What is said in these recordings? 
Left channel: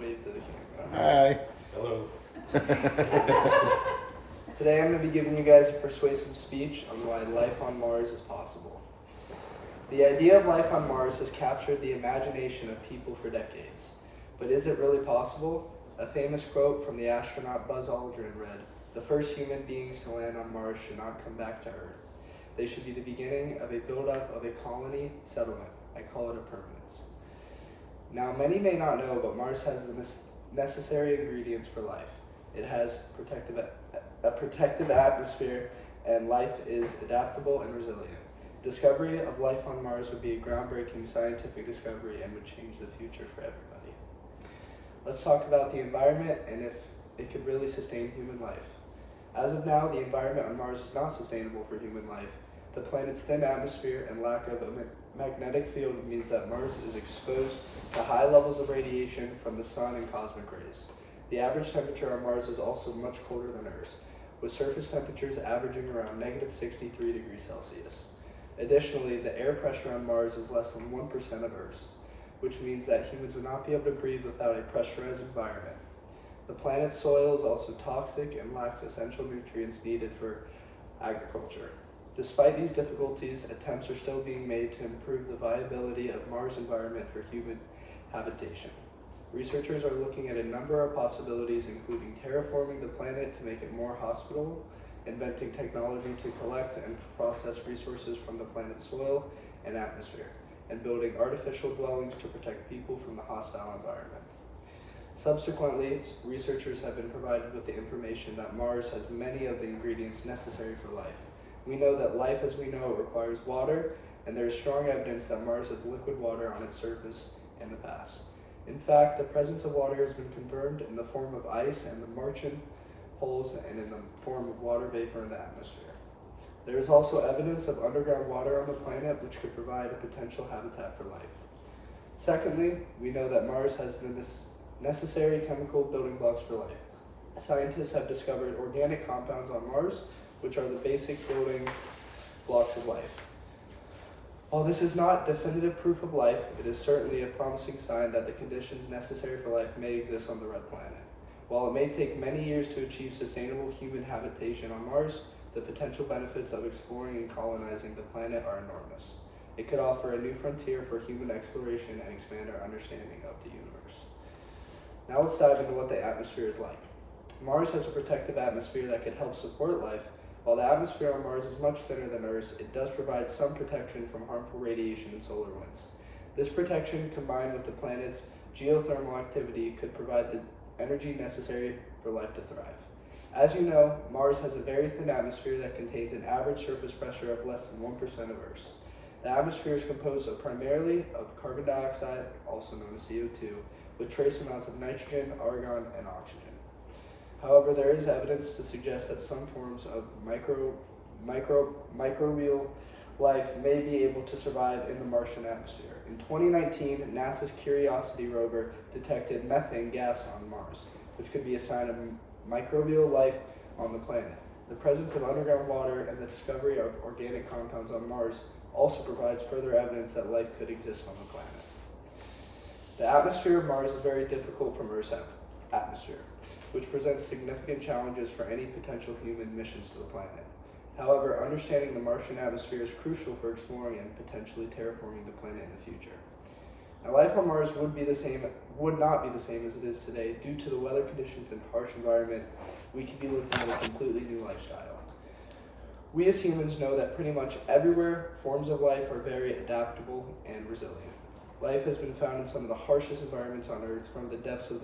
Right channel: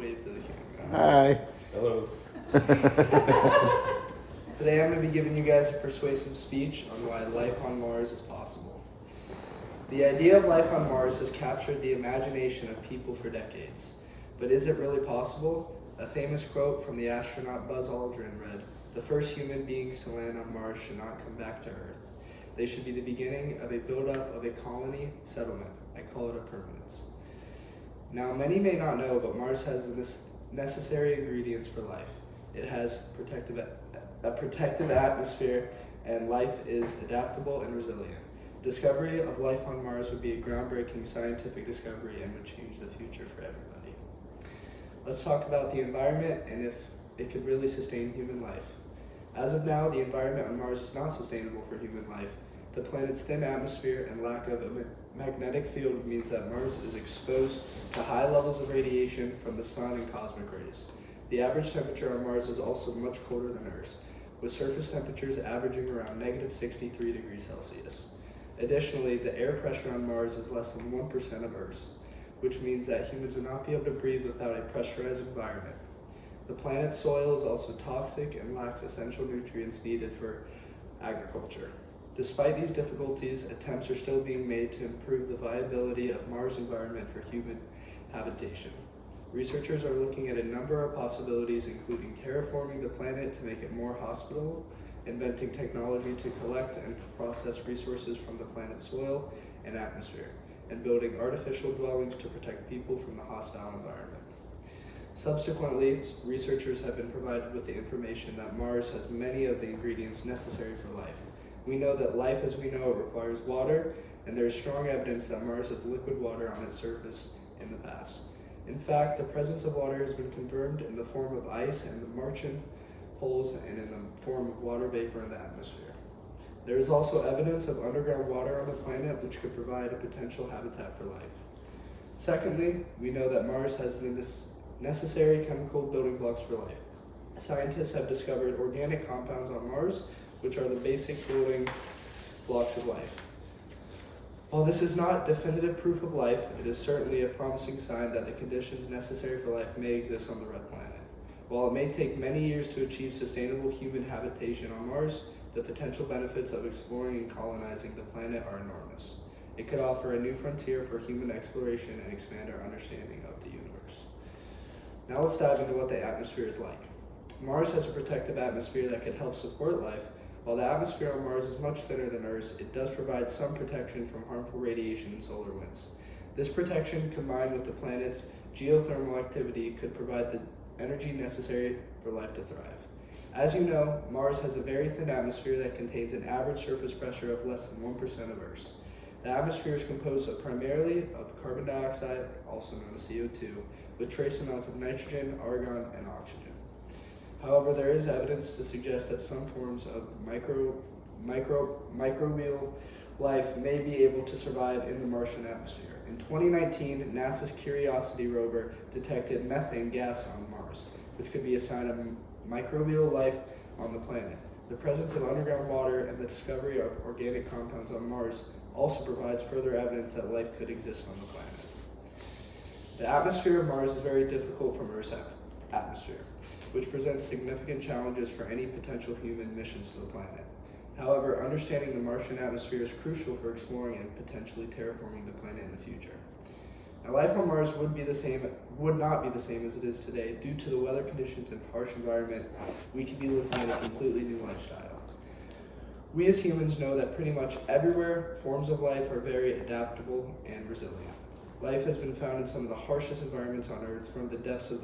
wave to the camera. Hi. Hello. Today I'm going to be giving you guys a persuasive speech on why life on Mars is possible. The idea of life on Mars has captured the imagination of people for decades. But is it really possible? A famous quote from the astronaut Buzz Aldrin read, "The first human beings to land on Mars should not come back to Earth. They should be the beginning of a buildup of a colony settlement. I call it a permanence." Now, many may not know, but Mars has the necessary ingredients for life. It has a protective atmosphere, and life is adaptable and resilient. Discovery of life on Mars would be a groundbreaking scientific discovery and would change the future for everybody. Let's talk about the environment and if it could really sustain human life. As of now, the environment on Mars is not sustainable for human life. The planet's thin atmosphere and lack of a magnetic field means that Mars is exposed to high levels of radiation from the sun and cosmic rays. The average temperature on Mars is also much colder than Earth's, with surface temperatures averaging around negative 63 degrees Celsius. Additionally, the air pressure on Mars is less than 1% of Earth's, which means that humans would not be able to breathe without a pressurized environment. The planet's soil is also toxic and lacks essential nutrients needed for agriculture. Despite these difficulties, attempts are still being made to improve the viability of Mars' environment for human habitation. Researchers are looking at a number of possibilities, including terraforming the planet to make it more hospitable, inventing technology to collect and process resources from the planet's soil and atmosphere, and building artificial dwellings to protect people from the hostile environment. Subsequently, researchers have been provided with the information that Mars has many of the ingredients necessary for life. We know that life as we know it requires water, and there is strong evidence that Mars has liquid water on its surface in the past. In fact, the presence of water has been confirmed in the form of ice and the Martian poles and in the form of water vapor in the atmosphere. There is also evidence of underground water on the planet which could provide a potential habitat for life. Secondly, we know that Mars has the necessary chemical building blocks for life. Scientists have discovered organic compounds on Mars, which are the basic building blocks of life. While this is not definitive proof of life, it is certainly a promising sign that the conditions necessary for life may exist on the red planet. While it may take many years to achieve sustainable human habitation on Mars, the potential benefits of exploring and colonizing the planet are enormous. It could offer a new frontier for human exploration and expand our understanding of the universe. Now let's dive into what the atmosphere is like. Mars has a protective atmosphere that can help support life. While the atmosphere on Mars is much thinner than Earth's, it does provide some protection from harmful radiation and solar winds. This protection, combined with the planet's geothermal activity, could provide the energy necessary for life to thrive. As you know, Mars has a very thin atmosphere that contains an average surface pressure of less than 1% of Earth's. The atmosphere is composed primarily of carbon dioxide, also known as CO2, with trace amounts of nitrogen, argon, and oxygen. However, there is evidence to suggest that some forms of microbial life may be able to survive in the Martian atmosphere. In 2019, NASA's Curiosity rover detected methane gas on Mars, which could be a sign of microbial life on the planet. The presence of underground water and the discovery of organic compounds on Mars also provides further evidence that life could exist on the planet. The atmosphere of Mars is very difficult from Earth's atmosphere, which presents significant challenges for any potential human missions to the planet. However, understanding the Martian atmosphere is crucial for exploring and potentially terraforming the planet in the future. Now, life on Mars would not be the same as it is today. Due to the weather conditions and harsh environment, we could be looking at a completely new lifestyle. We as humans know that pretty much everywhere forms of life are very adaptable and resilient. Life has been found in some of the harshest environments on Earth, from the depths of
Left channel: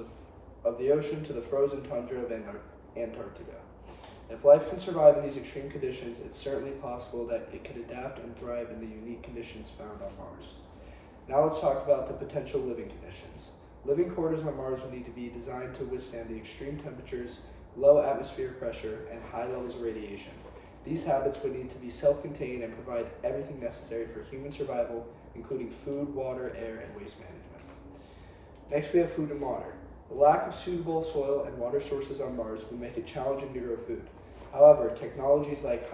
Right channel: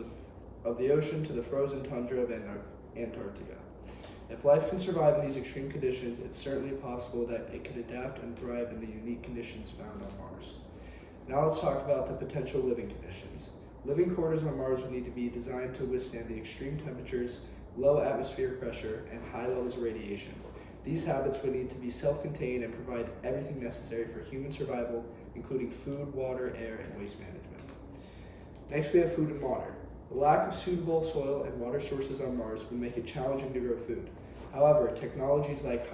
the ocean to the frozen tundra of Antarctica. If life can survive in these extreme conditions, it's certainly possible that it could adapt and thrive in the unique conditions found on Mars. Now let's talk about the potential living conditions. Living quarters on Mars would need to be designed to withstand the extreme temperatures, low atmospheric pressure, and high levels of radiation. These habits would need to be self-contained and provide everything necessary for human survival, including food, water, air, and waste management. Next, we have food and water. The lack of suitable soil and water sources on Mars would make it challenging to grow food. However, technologies like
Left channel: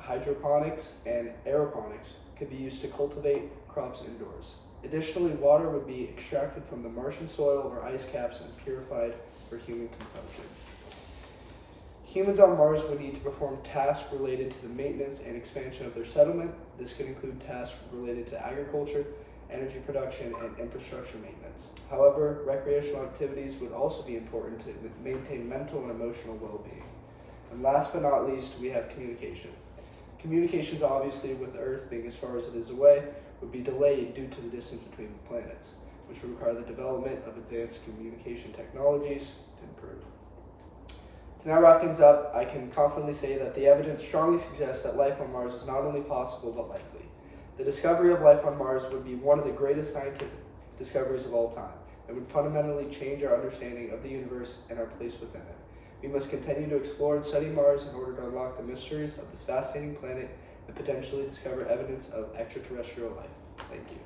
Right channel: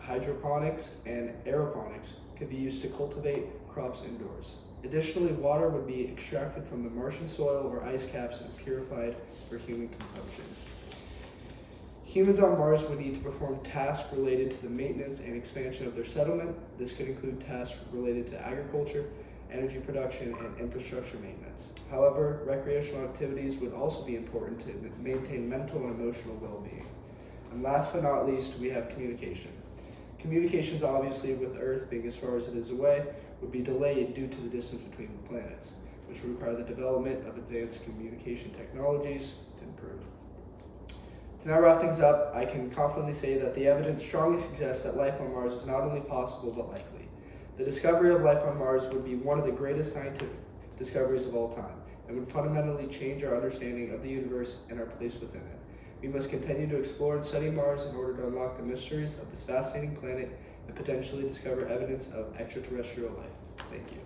hydroponics and aeroponics could be used to cultivate crops indoors. Additionally, water would be extracted from the Martian soil or ice caps and purified for human consumption. Humans on Mars would need to perform tasks related to the maintenance and expansion of their settlement. This could include tasks related to agriculture, energy production, and infrastructure maintenance. However, recreational activities would also be important to maintain mental and emotional well-being. And last but not least, we have communication. Communications, obviously, with Earth being as far as it is away, would be delayed due to the distance between the planets, which would require the development of advanced communication technologies to improve. To now wrap things up, I can confidently say that the evidence strongly suggests that life on Mars is not only possible but likely. The discovery of life on Mars would be one of the greatest scientific discoveries of all time and would fundamentally change our understanding of the universe and our place within it. We must continue to explore and study Mars in order to unlock the mysteries of this fascinating planet and potentially discover evidence of extraterrestrial life. Thank you.